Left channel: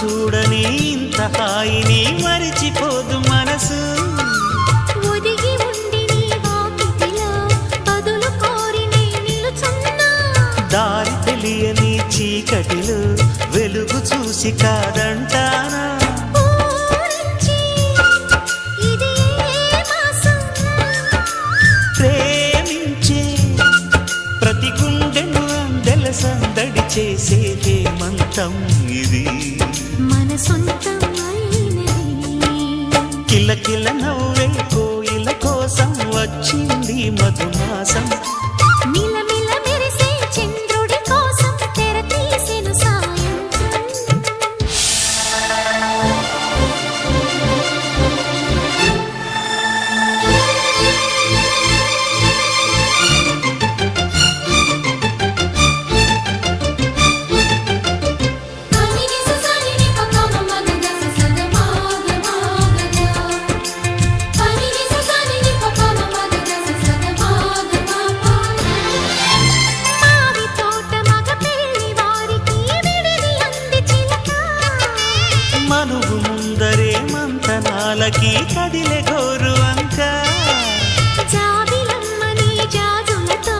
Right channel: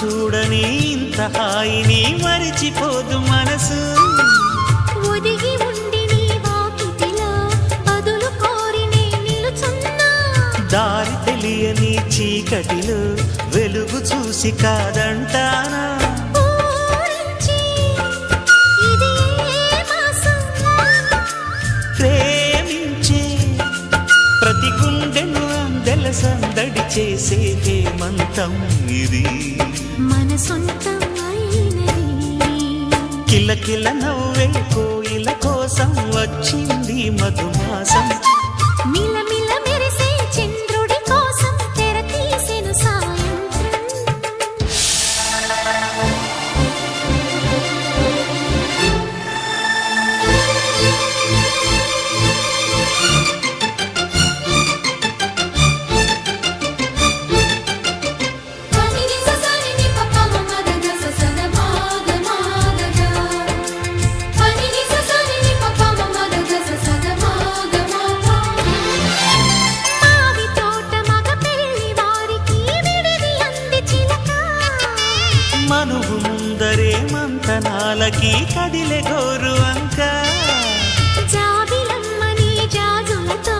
చూడని ఇంత హాయిని మరిచిపోదు మనసు. ఒదిగి ఉండి నీ వాకిటిలో బదులు కోరి నే నిలుచున్నా. దారి తెలియని చీకటిలో వెలుగు చూసి కాదంటానా. ప్రేమించే ప్రతి గుండెను అందెల సందడి చేసే హేమంతం ఇది. మన సొంతం అయినది. కిలకిల నవ్వే కోయిల కోసం వచ్చింది మధుమాసం. మిలమిల మెరిసే చంద్రుడి కోసం తెర తీసెను సాయంత్రం. మనువు ముందరే మంతనాలకి కదిలే గోరు అంక. జాబిలమ్మని జాజులతో